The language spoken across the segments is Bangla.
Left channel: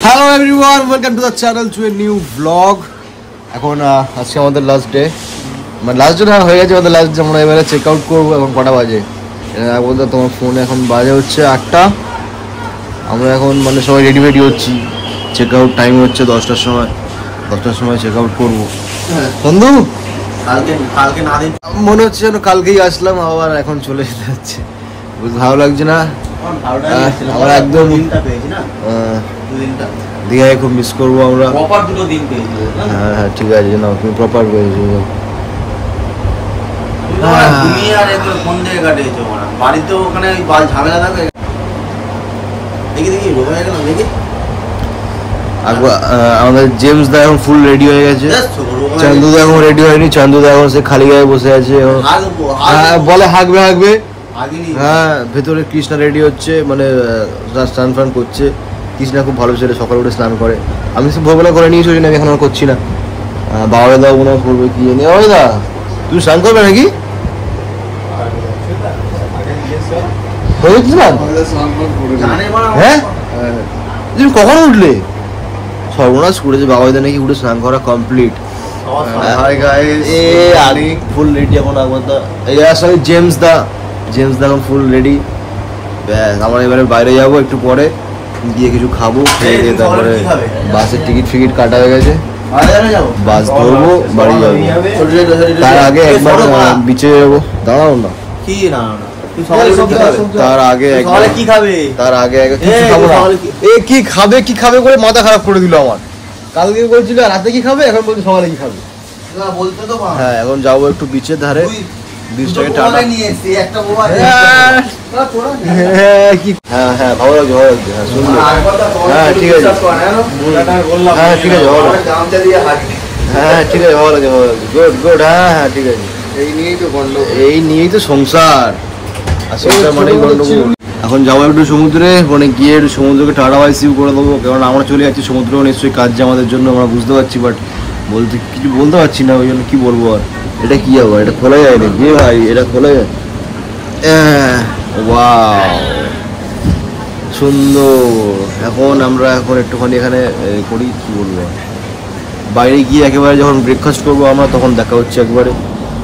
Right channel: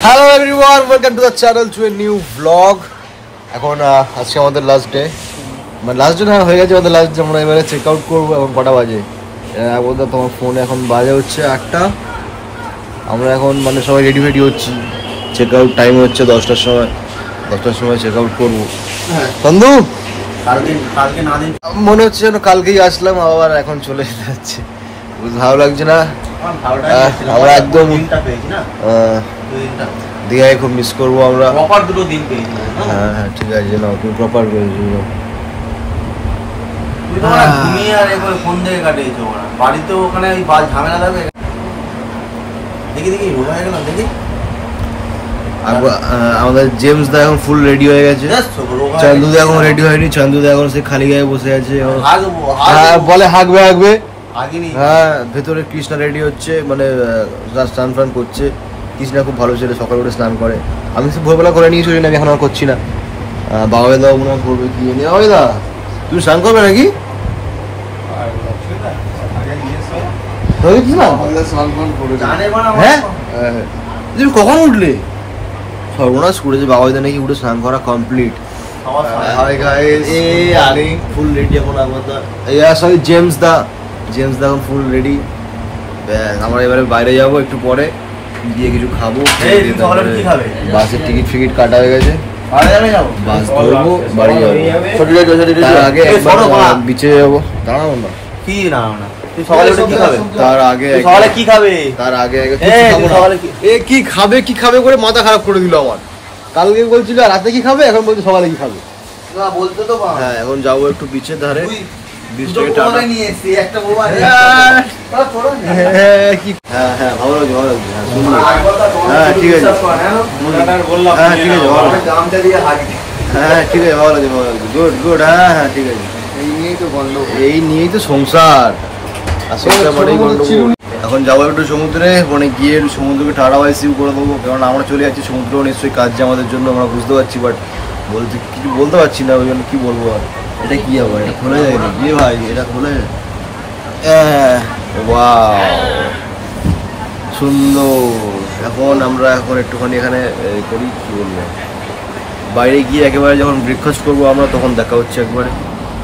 Hello everyone, welcome to the channel to a new vlog. এখন আজকে আমাদের লাস্ট ডে, মানে লাস্ট ডে না হয়ে গেছে আমাদের লাস্ট ডে। আমরা এবারে চেক আউট করবো। এখন কটা বাজে বলতে তোমার ফোনে এখন বাজে হচ্ছে 8টা। আমরা এখন মানে সবাই রেডি ফেডি হচ্ছি। চেক আউট টাইম হচ্ছে 10টার সময়। 10টার সময় চেক আউট করবো। সন্ধু কালকে না দিন মনে হচ্ছে যেন কালকেই আসলাম, আবার এখন চলে যাচ্ছে। ভালো লাগছে না। আমরা একদম দীঘায় খুব মিস করবো আমরা। হ্যাঁ হ্যাঁ ঠিক আছে না, তুমি প্রপার পেয়েছো। আমাদের জেমস দা এখন ফুল রেডি হয়ে গেছে। চান্দু দা এখন রেডি হয়নি। চান্দু দা এখন সে খালি গায়ে বসে আছে। হ্যাঁ বলে হাঁকবে হাঁকবে। হ্যাঁ ভেতরে কৃষ্ণা রেডি হচ্ছে, মানে স্নান ফান করছে। কৃষ্ণা খুব ভালো ছেলে, সকালে উঠে স্নান করে। আমি সে ভোরবেলা করে নিয়েছি, ওই জন্য এখন আর করছি না। বাবা দাও মনে হয় করবে কি নিয়ে। বাবা দা তুমি স্নান করবে নাকি? হ্যাঁ তুমি কখন উঠলে? সর্বনাশ করেছে বাবা দা নাকি উঠে স্নান করা কমপ্লিট। ফুল রেডি এখন। সরি জেমস দা এখন ফুল রেডি। আমরা এবারে বাইরে যাবো একটু পরে, গিয়ে কিছু খাবো, খেয়ে দিয়ে তারপরে বাসের টিকিট ফিকিট কাটা হয়ে গেছে, বাস ধরবো, বাড়ি যাবো। তার আগে একবার বিচে যাবো। দাঁড়াও না, তার আগে কিছু খাবো না। এ কি খাবে করে মাথা খারাপ করে দিল আমার। কালকে বলছিল রাতে কি খাবে, এখন বলছি সকালে কি খাবে। হ্যাঁ এখন যাবো একটু বিচের ধারে। হ্যাঁ হ্যাঁ ভালো লাগছে, ভালো লাগছে। হ্যাঁ শুনলো। হ্যাঁ ঠিক আছে, হ্যাঁ ঠিক আছে, ভালো লাগছে। হ্যাঁ ঠিক আছে, ভালো লাগছে, ভালো লাগছে। Good good. হ্যাঁ হ্যাঁ ঠিক আছে। এই নিয়েই তো সংসার, আর সংসার মানেই গন্ডগোল। এখন যাবো একটু সমুদ্রে, মানে গিয়ে একটু সমুদ্রকে টাটা বাই সিউ করে দেবো। কারণ আমরা চলে যাচ্ছি, সমুদ্রেও নিশ্চয়ই কাজ যে আমাদের জন্য, আমরা বুঝতে পারছি, বাট কিছু বলতে পারছি না। ওই জন্য কি বলবো আর। এটা কি হবে, এটা খোলা যায়নি যে ভাই, এটা খোলা যায়। ওয়াও সুন্দর। এখন আমরা একটুখানি এখানে করি, কি বলবো, বাইরে গিয়ে একেবারে যখন ব্রেকফাস্ট করবো আমরা, তখন দেখা হচ্ছে একবারে।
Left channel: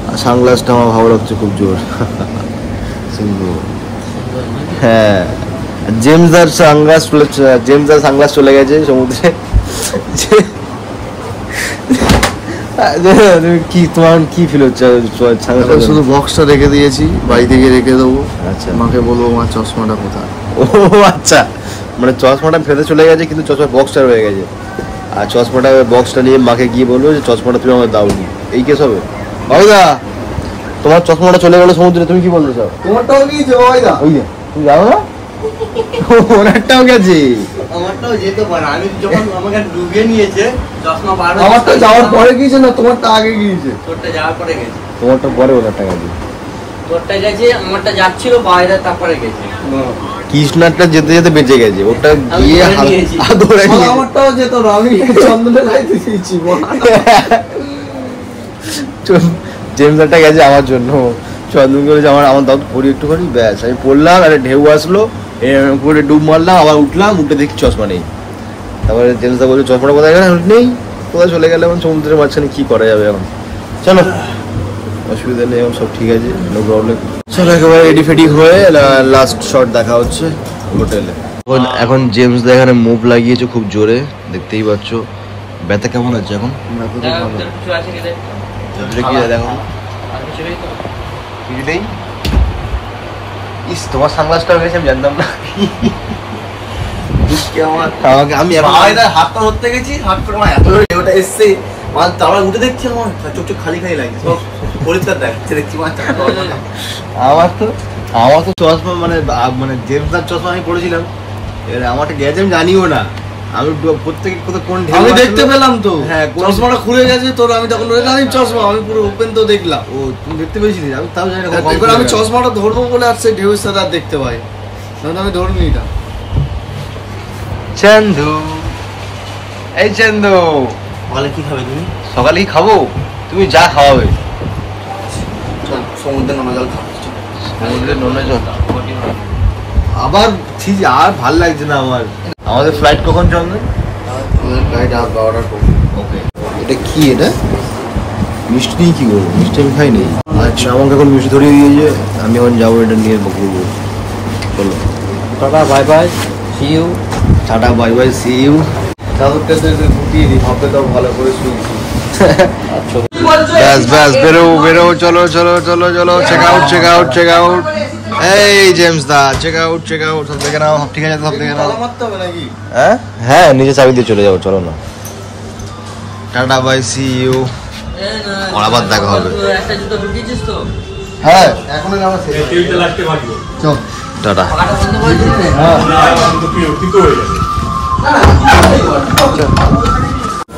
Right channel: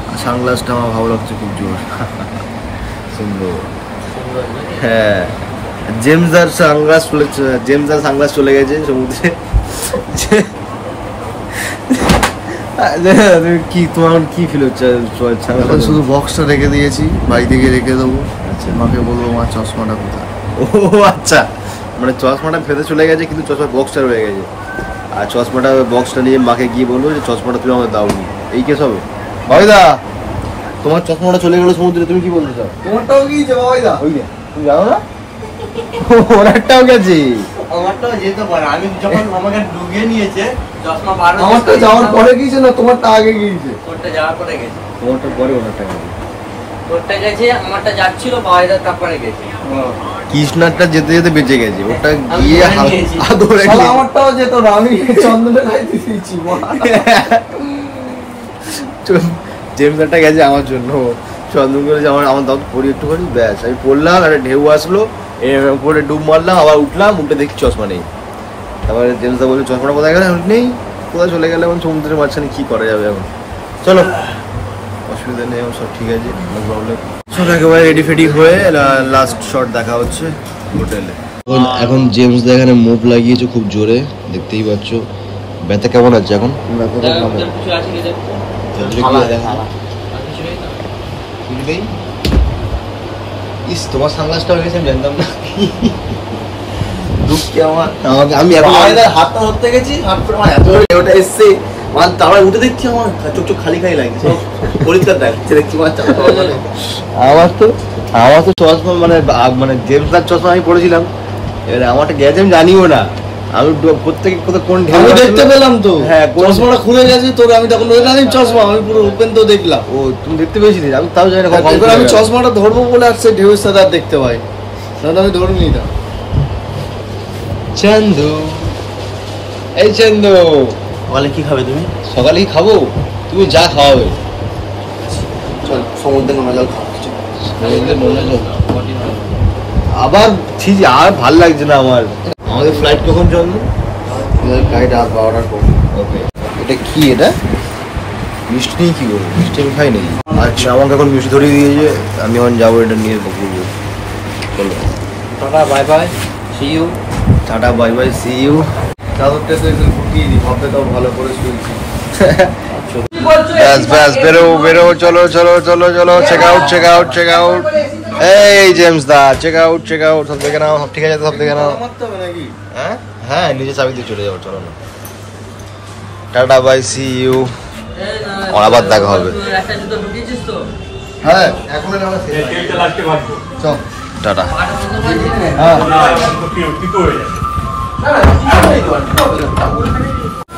আর সানগ্লাসটা আমার ভালো লাগছে খুব জোর, সুন্দর। হ্যাঁ জেমসদার সানগ্লাস চলে গেছে সমুদ্রে। কি তোমার কি ফিল হচ্ছে? শুধু বক্সটা রেখে দিয়েছি, বাড়ি থেকে রেখে দেবো। আচ্ছা মাকে বলবো আমার চশমাটা কোথায়। ও আচ্ছা, মানে চশমাটা ফেরত চলে গেছে, কিন্তু চশমার বক্সটা রয়ে গেছে। আর বক্সটা নিয়ে মাকে গিয়ে বলবো যে চশমাটা তুমি আমাকে দাওনি। এই কেস হবে। বাবাইদা তোমার চশমাটা চলে গেল সমুদ্রে, তুমি কি বলতে চাও? তোমারটাও গিয়েছে বাবাইদা। ওই তুমি জানো না, ওর একটাও গেছে। আমারটা যাওয়ার পরে গিয়েছে না, তোমারটা আগে গিয়েছে। তোমারটা যাওয়ার পরে গেছে, তোমারটা পরে ওনারটা আগে। তোরটা গেছে, আমারটা যাচ্ছিল বাবাইদার, তারপরে গেছে। কৃষ্ণারটা যেতে যেতে বেঁচে গেছে, ওটা গিয়ে ধরে নিয়ে। আমারটাও যেত না, আমি চন্দনে লাইতে দিয়েছি। জেমসটা গেছে আমার জন্য, চন্দন করে আমার দাও পড়ি একটুখানি, ব্যাস আমি পড়লাম। আর ঢেউ আসলো, পরে ডুব মারলাম, আবার উঠলাম, উঠে দেখি চশমা নেই। তারপরে জেমসদা বলছে চশমাটা কোথায় গেল, নেই। কোথায় চলে গেলে এখন সমুদ্রের মাঝখানে কি করা যাবে এখন। চলো অসুবিধা নেই, এখন সব ঠিক আছে, নো প্রবলেম। চলো একেবারে রেডি ফেডি হয়ে লাস্ট শট দেখা হচ্ছে হোটেলে। এখন জেমসদা এখানে মুভ লাগিয়েছে খুব জোরে, দেখতেই পাচ্ছ। ব্যথা কেমন আছে এখন? তোমার সানগ্লাসটা হয়ে গেছে, আমি জানতাম না। আমি হাতটা ধরতে গেছি, ওটা এসছে, তারপরে উঠে দেখছি আমার চোখ খালি খালি লাগছে, সব পরিষ্কার দেখছে। দেখছি আমার তো চশমা, মানে জেমসদার চশমা আমি পড়েছিলাম। এবারে আমারটা গেছে আমি জানিও না। আমি প্রত্যেকে কোন আমি দেখতে পেলাম তো, হ্যাঁ চশমাটা খুলে গেছে তোর। আমি তখন চশমা আমি পুরো ওপেন তো দেখলাম। ও তুমি দেখতে পেয়েছিলি? আমি তাও জানি না। এবার আমি চশমাটা ধরবো বলে আর সেই ঢেউয়ের সাথে আর দেখতে পাই না, আমি ধরিনি না। চান্দু, এই চান্দু, সকালে কি খাবে তুমি? সকালে কি খাবো? তুমি যা খাওয়াবে। সমুদ্রে নোনা জল, সমুদ্রে নোনা জল। আবার ঠিক আর ভাল লাগছে না আমার। আমাদের ফ্লাইট কখন চলবে? রাত 12টার পর। এটা কি? এটা মিষ্টি নেই? কি বলবো, মিষ্টি আমি খাই নেই। আচ্ছা, আমাকে এখন মিষ্টি ধরিয়ে দিয়েছে, আমি এখন যাবো এটা নিয়ে বকবো। বলো tata bye bye see you. Tata bye bye see you. ব্যাস ব্যাস, বেরো বেরো, চলো চলো চলো চলো, check out check out check out. এই জেমস দা, চেক আউট চেক আউট, সব দেখে নাও, সব ঠিক আছে, সব দেখে নাও। হ্যাঁ হ্যাঁ, নিজে চাবি দিয়ে চলে যাবো, চলো না। টাটা বাই সি ইউ, আবার দেখা হবে। হ্যাঁ এখন চল টাটা।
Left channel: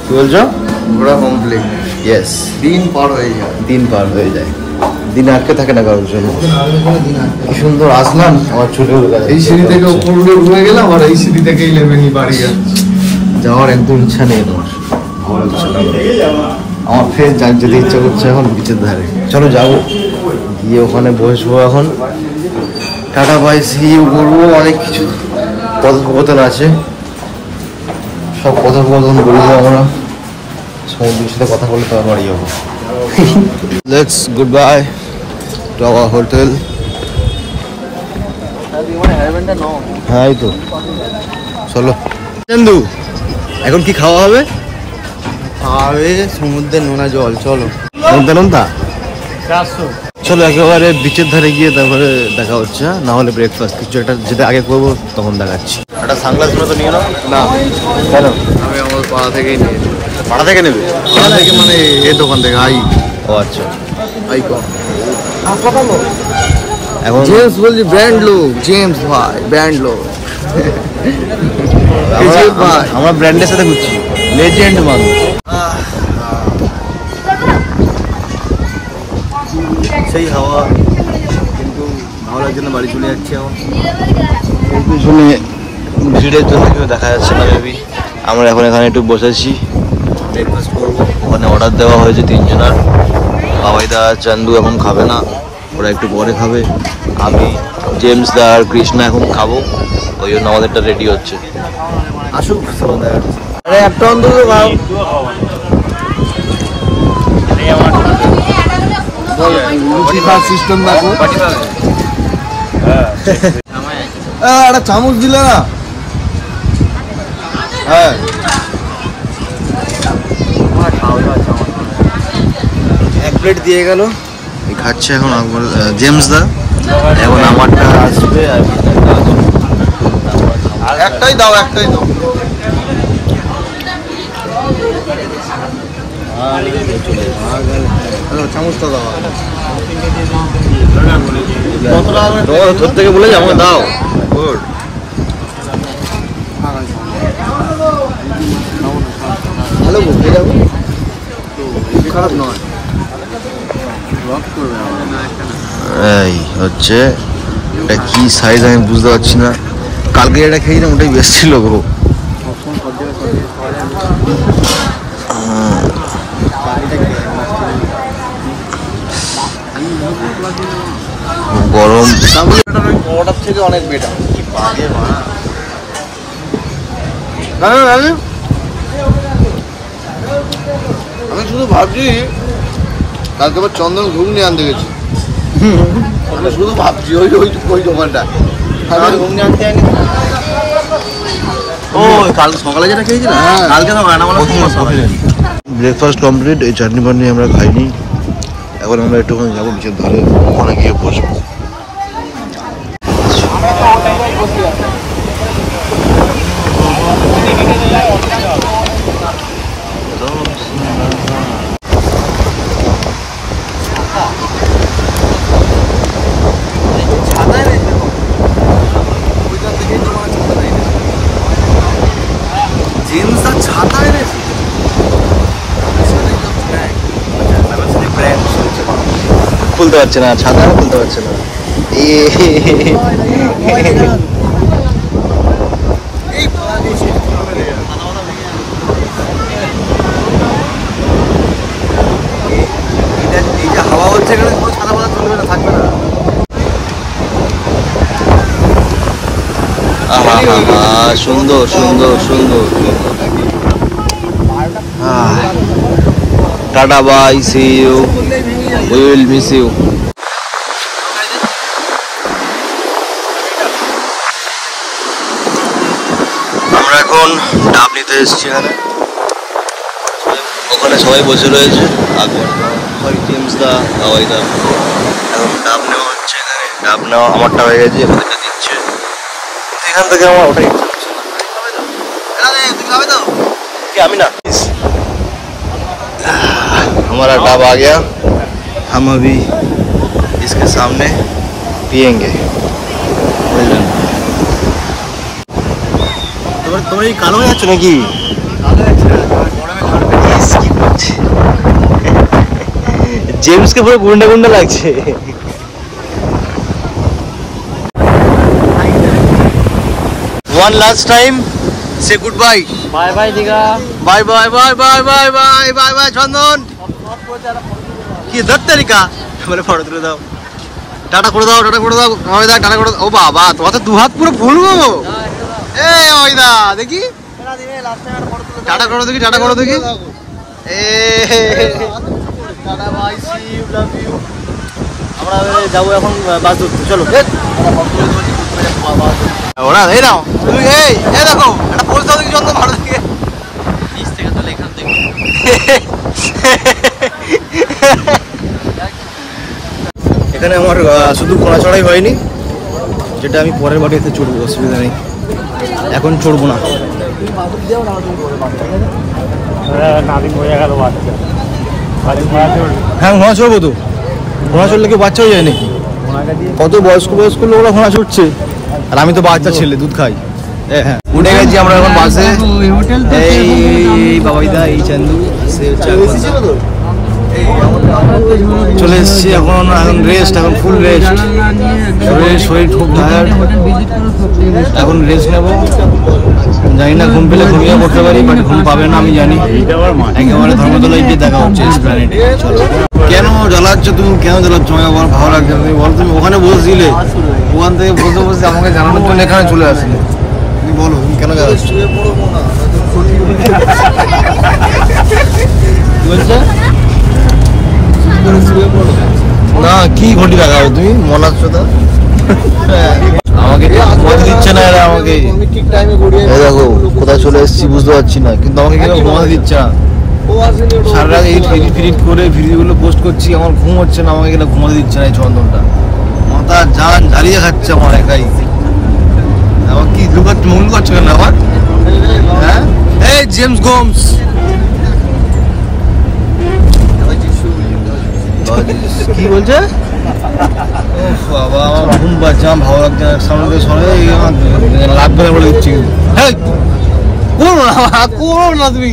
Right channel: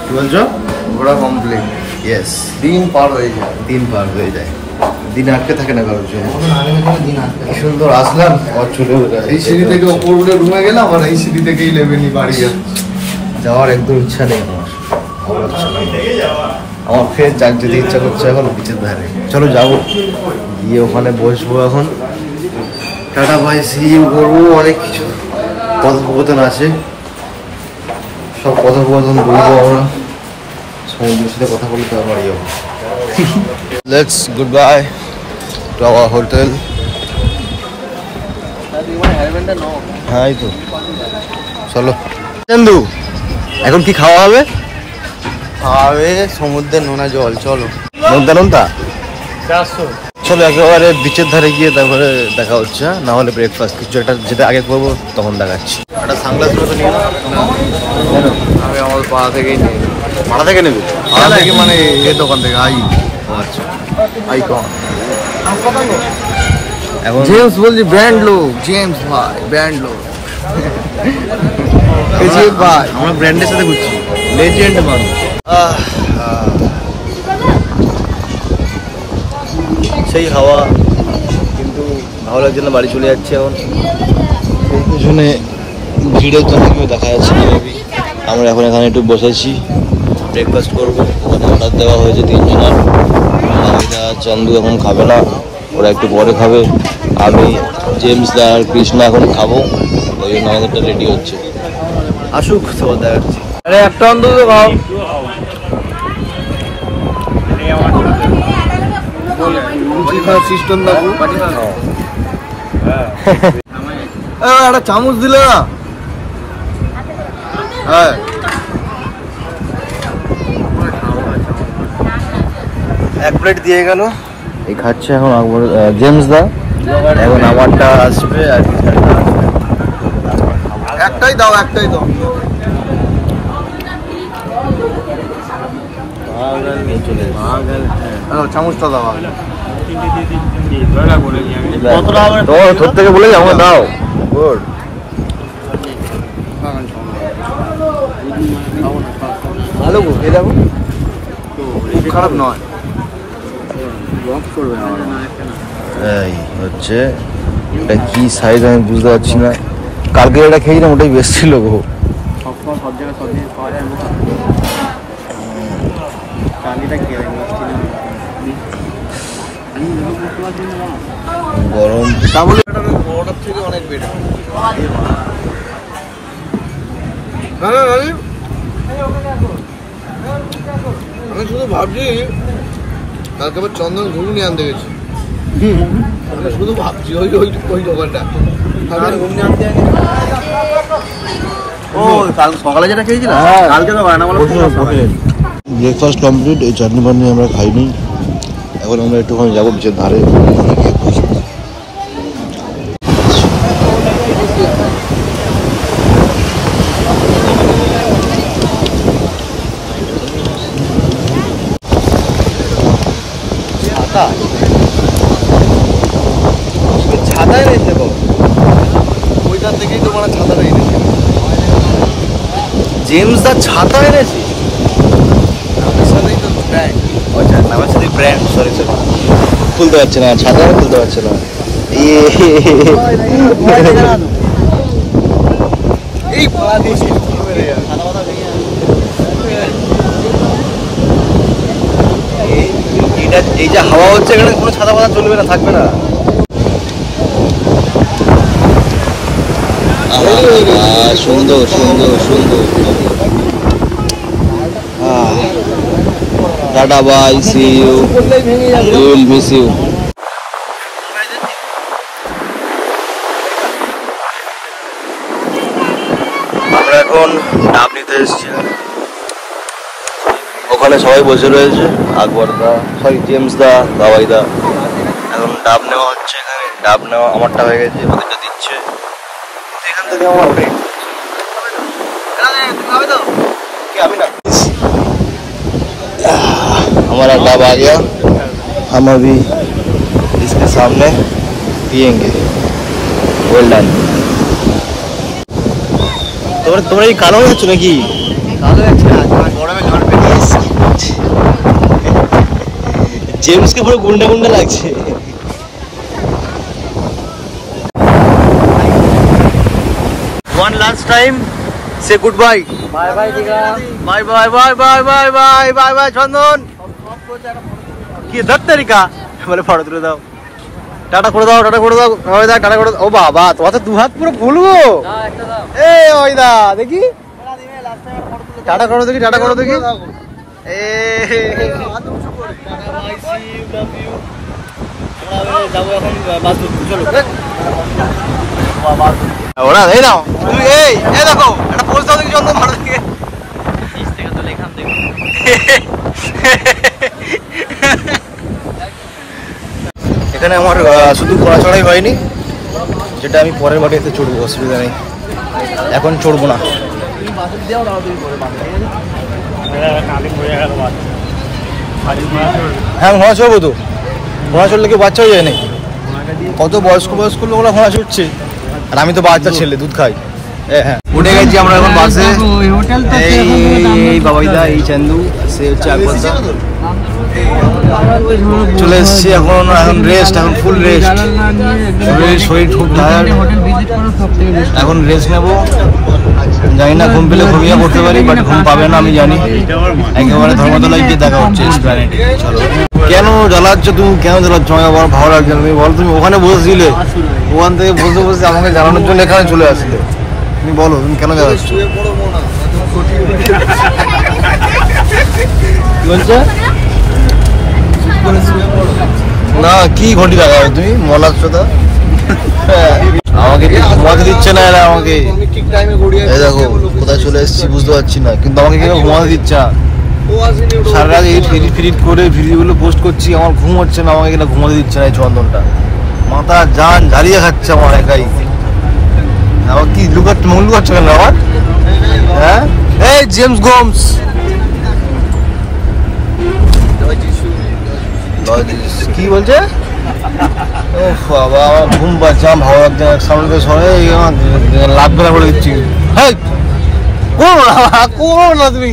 কি বলছো? ঘোরা কমপ্লিট। ইয়েস, দিন পার হয়ে যায়, দিন পার হয়ে যায়, দিন আটকে থাকে না কারোর জন্য। কি সুন্দর আসলাম, আমার চলে এই সিঁড়ি থেকে ওপর উঠে রুমে গেলাম, আর এই সিঁড়ি থেকে 11 বাড়ি যাওয়ার একদম ইচ্ছা নেই তোমার। আমার ইচ্ছা না, আমার ফের যাক যেতে ইচ্ছা করছে এখন বিচের ধারে। চলো যাবো, গিয়ে ওখানে বসবো এখন, টাটা বাই সি ইউ করবো। অনেক কিছু কথোপকথন আছে, সব কথোপকথন বলবো আমরা। সমুদ্রের সাথে কথা বলে তোমার বাড়ি যাবো। Let's good bye to our hotel. হ্যাঁ এই তো, চলো। চন্দু, এখন কি খাওয়া হবে? খাওয়া হবে সমুদ্রের নোনা জল। চলো নোনতা নোনতা, চলো একেবারে বিচের ধারে গিয়ে তারপরে দেখা হচ্ছে। না হলে ব্রেকফাস্ট কিছু একটা যেটা আগে করবো তখন দেখাচ্ছি। একটা সানগ্লাস তো নিয়ে নাও না। কেন? আমি আমার পাড়া থেকেই নেব। পাড়া থেকে নেবে? পাড়া থেকে মানে এ দোকান থেকে। আই, ও আচ্ছা, আইকন। এখন জেমস বলছি ব্র্যান্ড লোক, জেমস ভাই ব্র্যান্ড লোক। আমরা ব্র্যান্ডের সাথে ঘুরছি, লেজেন্ড মানুষ। সেই হাওয়া, কিন্তু ভালো লাগছে না, বাড়ি চলে যাচ্ছি এখন। পিছনে ভিড়ের জন্য কেউ দেখা যাচ্ছে না মেবি। আমরা এখন এখানে একটু বসেছি, ব্রেকফাস্ট করবো। ওখানে অর্ডার দেওয়া হয়েছে 3 জনের। বাবাইদা চান্দু এখন খাবে না, ওরা একটু পরে খাবে। আমি, জেমস দা আর কৃষ্ণা এখন খাবো, ওই জন্য আমাদেরটা রেডি হচ্ছে। আসুক, সবার দেখাচ্ছি। আরে একটা অন্তত খাও। সিস্টেম দেখো, একটা চামচ দিলে না। হ্যাঁ এক প্লেট দিয়ে গেল, এই খাচ্ছে এখন জেমস দা। এখন আমারটা আসবে আর একটাই দাও, একটাই দাও। চামচটা দাও, তোমার ধর থেকে বলে আমার দাও। গুড, ভালো ঘুরতে যাবো তো, খারাপ নয়। এই হচ্ছে, এটা কি সাইজ আমি বুঝতে পারছি না। কালকে এটা খেয়েছিলাম, ওটাই বেশ ছিল গো। গরম থেকে অনেক বেটার। আমি শুধু ভাবছি কালকে আবার চন্দন ঘুগনি আনতে গেছি। আমি শুধু ভাবছি ওই ওই দোকানটা ঘুগনি আনতে আনি। কাল সকালে যেটা খেয়েছিলাম, কালকে তো ব্রেকফাস্ট কমপ্লিট। এই চাটনি পাটনি আমরা খাইনি। এখন আমরা একটুখানি যাবো বিচের ধারে, ওখানে গিয়ে বসবো। ছাতা এনেছে গো, ওইখান থেকেই তো মানে ছাতাটা এনেছে। জেমস দা ছাতা এনেছে, নামের সাথেই তো ব্র্যান্ড। আচ্ছা, নামের সাথে ব্র্যান্ড। সরি সরি, খুলতে পারছে না ছাতা, খুলতে পারছে না। এই এই যে হাওয়া হচ্ছে, এখানে কোনো ছাতা পাতা চলবে না, থাকবে না। সুন্দর সুন্দর সুন্দর সুন্দর। Tata bye, see you, we will miss you. আমরা এখন ডাব নিতে এসেছি এখানে, ওখানে সবাই বসে রয়েছে, আকবর দা, জেমস দা, বাবাই দা। এখন ডাব নেওয়া হচ্ছে এখানে, ডাব নেওয়া আমারটা হয়ে গেছে, ওদেরটা দিচ্ছে। এখান থেকে আমার ওটাই हमारा डाब आ गया, हम अभी इसके सामने पियेंगे। Well done. তোমরা এই কালো হয়ে যাচ্ছ নাকি? জেমসকে পুরো গুন্ডা গুন্ডা লাগছে। One last time, say goodbye. Bye bye দিগা। Bye bye bye bye bye bye bye bye চন্দন। কি দত্তরিকা বলে ফটো তুলে দাও, টাটা করে দাও, টাটা করে দাও, ওই দা টাটা করে দাও। ও বাবা, তোমার তো দু হাত পুরো ফুলবো। এই ওই দা দেখি, টাটা করো দেখি, টাটা করো দেখি। এ tata bye, see you, love you. আমরা যাবো এখন বাস ধরতে, চলো। ওরা এই নাও তুমি, এই দেখো একটা পোস্ট দাও দেখি চন্দন, ভালো দেখে। এখানে আমার শুধু ঘোড়া চড়াই হয়নি, যেটা আমি পরের বাড়িতে চড়বো, অসুবিধা নেই, এখন চড়বো না। হ্যাঁ ঘোড়া চড়বো তো, ঘোড়া চড়লে কি বাচ্চা হয়ে যায় নাকি? কত বয়স্ক বয়স্ক লোকরা ঘোড়া চড়ছে, আর আমি তো বাচ্চা ছেলে, দুধ খাই। হ্যাঁ উঠে গেছি আমরা এখন বাসে। চলে এসছি এখন, রেস্ট, এখন ফুল রেস্ট, শরীর খুব টায়ার্ড, এখন রেস্ট নেবো। জানি না ঘুম পেলে ঘুমিয়ে পড়তে পারি, বাট ঘুম পাবে না আমি জানি। একেবারে ধর্মতলায় গিয়ে দেখা হচ্ছে, এসপ্ল্যানেডে। চলো। কেন জ্বালাচ্ছ তুমি, কেন জ্বালাচ্ছ? আমাকে আমার ভালো লাগছে। তুমি বলো, তুমি ওখানে বসেছিলে, ওখান থেকে বসে বসে আমাকে জানানোর জন্য এখানে চলে আসলে। তুমি বলো তুমি কেন জ্বালাচ্ছ? না কি ঘটি দেখা হয় তুমি, মলাচ্ছ তা আমাকে ঘুমাতে দিচ্ছে না এরা আমাকে। এই দেখো কোথায় চলে এসেছি বুঝতে পারছি না, কিন্তু আমাকে কেন ঘুমাতে দিচ্ছে না। সারা রাত এডিট করে ভিডিওগুলো পোস্ট করছি, আমার ঘুম হচ্ছে না, আমাকে কেন ঘুমাতে দিচ্ছে না এই চন্দনটা। মাথা জান জ্বালিয়ে খাচ্ছে আমার একাই। আমার কি লুকাচ্ছ, মুখ লুকাচ্ছ কেন আমার? হ্যাঁ এই জেমস গোমস, কি বলছে? ও বাবা, আমার ঘুম পাচ্ছে, আমার ভালো লাগছে না। সামনে থেকে সরে লাভ বেলা বলে দিচ্ছি, হ্যাঁ করো না তুমি।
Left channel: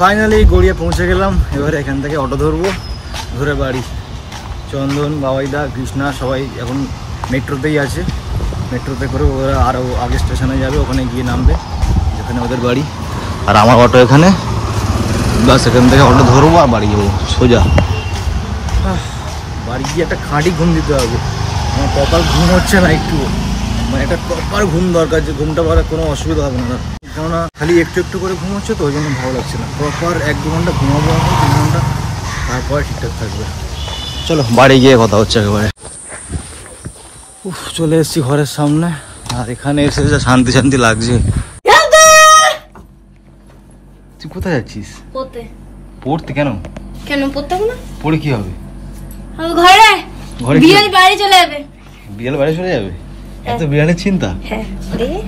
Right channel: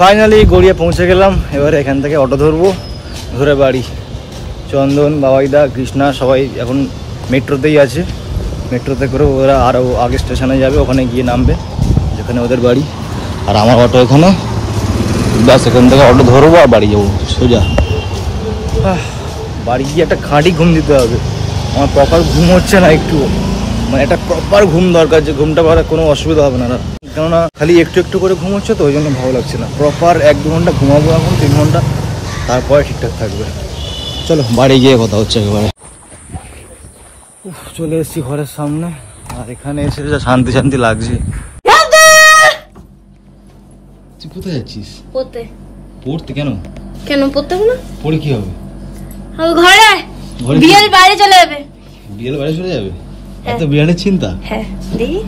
ফাইনালি গড়িয়া পৌঁছে গেলাম, এবারে এখান থেকে অটো ধরবো, ধরে বাড়ি। চন্দন, বাবাইদা, কৃষ্ণা সবাই এখন মেট্রোতেই আছে, মেট্রোতে করে ওরা আরও আগে স্টেশনে যাবে, ওখানে গিয়ে নামবে যেখানে ওদের বাড়ি। আর আমার অটো এখানে, বাস এখান থেকে অটো ধরবো আর বাড়ি যাবো সোজা। বাড়ি গিয়ে একটা খাঁটি ঘুম দিতে হবে, আমার প্রপার ঘুম হচ্ছে না একটু, মানে একটা প্রপার ঘুম দরকার, যে ঘুমটা পাওয়ার কোনো অসুবিধা হবে না। কেননা খালি একটু একটু করে ঘুম হচ্ছে তো, ওই জন্য ভালো লাগছে না। প্রপার 1-2 ঘন্টা ঘুমাবো এখন, 3 ঘন্টা, তারপরে ঠিকঠাক থাকবে। চলো বাড়ি গিয়ে কথা হচ্ছে একেবারে। চলে এসেছি ঘরের সামনে, আর এখানে এসে যা শান্তি শান্তি লাগছে। তুই কোথায় যাচ্ছিস? পড়তে। পড়তে? কেন কেন পড়তে হবে না? পড়ে কি হবে? ঘরে ঘরে বিয়ের বাইরে চলে যাবে। বিয়ের বাইরে চলে যাবে? এত বিয়ানের চিন্তা? হ্যাঁ দেখি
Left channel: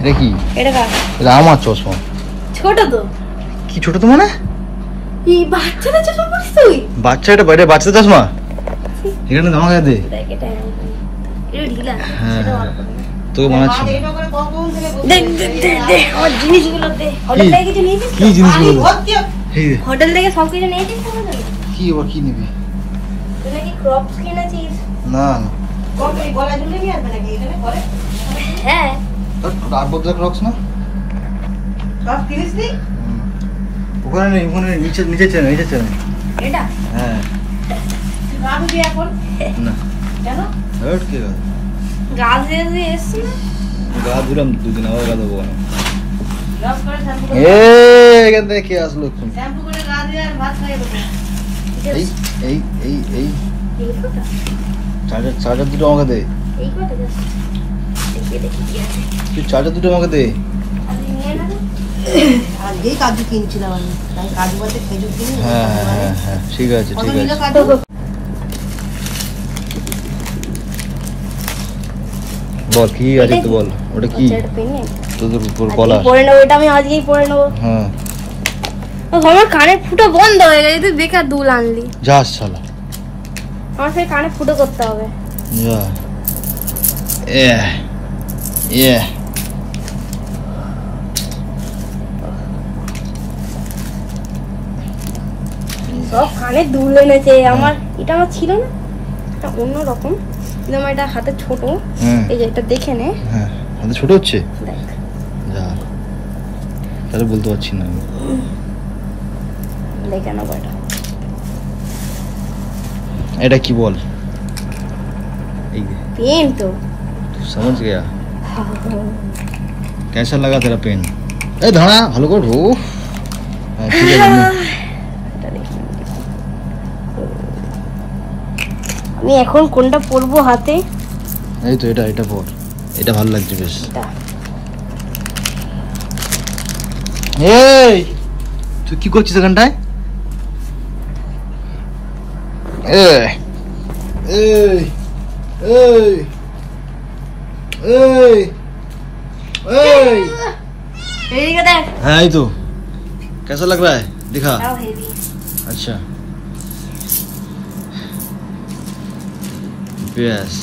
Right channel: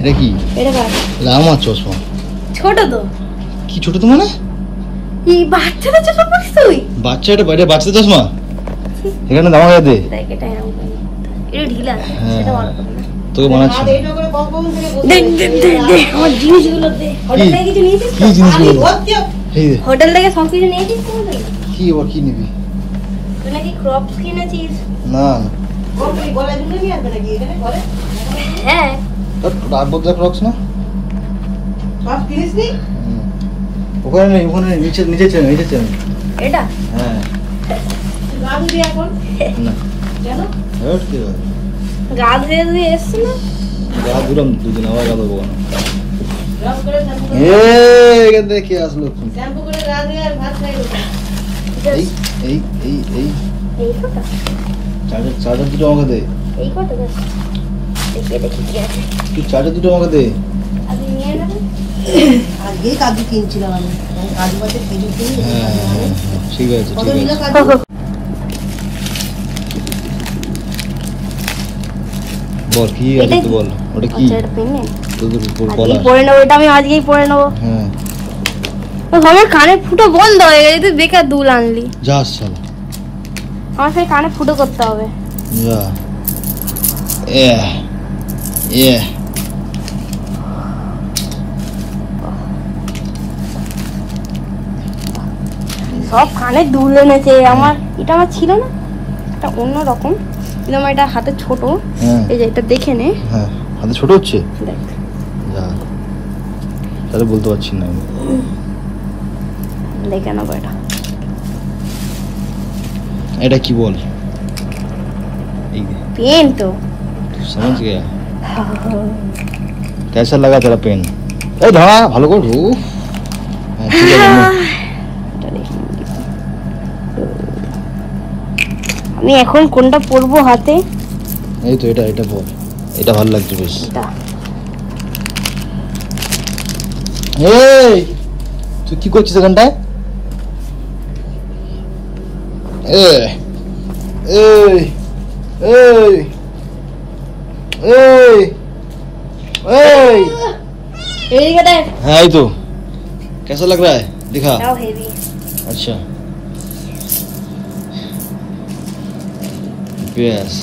এটা কি? এটা কার? এটা আমার চশমা। ছোট তো? কি ছোট তো মানে? এই বাচ্চাদের চশমা পড়ছিস তুই? বাচ্চা? এটা বাইরে বাচ্চাদের চশমা? এখানে দাম দে। দেখ এটা এটা ঢিলা, এটা ভালো করে তোকে বানাচ্ছি। দেখ দেখ দেখ আমার জিনিসগুলো দে। হোটেল থেকে কিছু নিয়েছিস? কি জিনিসগুলো? হোটেল থেকে সব কিছু নিয়েছিস তো? কি আবার কি নিবি? তুই নাকি ক্রপস কিনেছিস? না ওই গলা ঝুলিয়ে নিয়ে আসবে নাকি এখানে করে? হ্যাঁ তোর আবদ্ধ ক্রক্স না? সব কিনিস নি? ওখানে নেই, ওখানে নিচে নিচে চেন, নিচে চেন। এটা? হ্যাঁ। তুই গা ধুবি এখন? না। কেন? হট কি রে? গা ধুয়ে এসছি না? গা ধুলাম দুদিন, আবার গা ধোবো কেন? এখান থেকে কে আসলো? এই চার্জার দুটো আমাকে দে। তুই চার্জার দুটো আমাকে দে। হ্যাঁ ঠিক আছে ঠিক আছে। বল কি আছে তো বল, ওটা কি তোদের উপর বলা? পরে নেবো, এটা আমি আজকেই পরে নেবো। হ্যাঁ আমার কানে ফুটো বন্ধ হয়ে গেছে, বেকার দুল আনলি। যা শালা, আমার সেই কানে ফুটো করতে হবে। যা সব কানে দুল এনেছে আমার। এটা আমার ছিল না, এটা অন্য রকম, কিন্তু আমার এটা হাতে ছোট। এই যে এটা দেখে নে। হ্যাঁ হাতে ছোট হচ্ছে, দেখ যা তাহলে বলতে পারছি না আমি। দেখে নেবো এটা। এটা কি বল? पेन तो समझ गया। कैसा लगा तेरा पेन? ए धड़ा ভালো করে ঢু। হ্যাঁ ঠিক আছে। আমি এখন কোনটা পরবো হাতে? এই তো এটা পর, এটা ভালো লাগছে বেশ। এই তুই কি করছিস এখানটায়? এই এই এই এই এই एड़ी का देख। हाँ ये तो कैसा लग रहा है दिखा? हेवी। अच्छा यस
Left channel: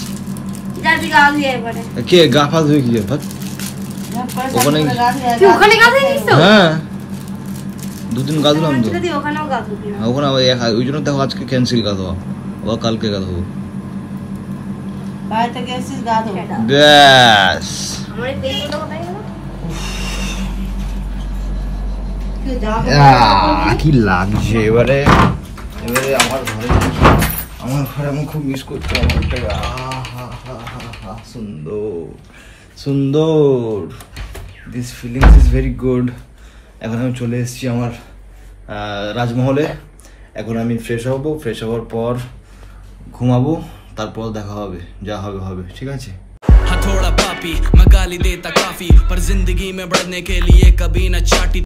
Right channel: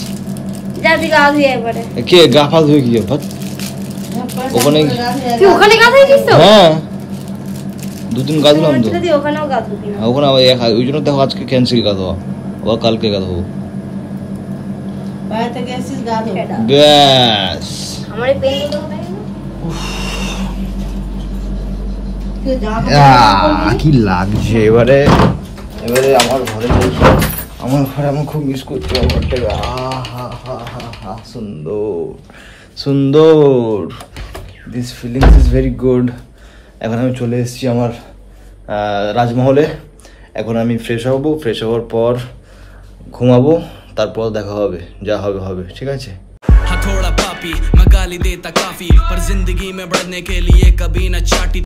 जा दिखा दिया एक बार। के गाफा ধুয়ে কি বাত ওখানে তুই ওখানে গা ধুইছিস তো? হ্যাঁ দুদিন গা ধুলাম তো। তুই ওখানেও গা ধুবি না? ওখানে ওই জন্য দেখো আজকে ক্যান্সেল গা ধোয়া, আবার কালকে গা ধোবো। বাইরে থেকে এসেছিস গা ধো। ব্যাস আমার এই পেনগুলো কোথায় গেল? কি লাগছে এবারে আমার ঘরে আমি খুব মিস করছি সুন্দর সুন্দর। This feelings is very good. এখন আমি চলে এসেছি আমার রাজমহলে। এখন আমি ফ্রেশ হব, ফ্রেশ হওয়ার পর ঘুমাবো, তারপর দেখা হবে, যা হবে হবে, ঠিক আছে। थोड़ा पापी मैं गाली देता काफी, पर जिंदगी में बढ़ने के लिए कभी न चाटी।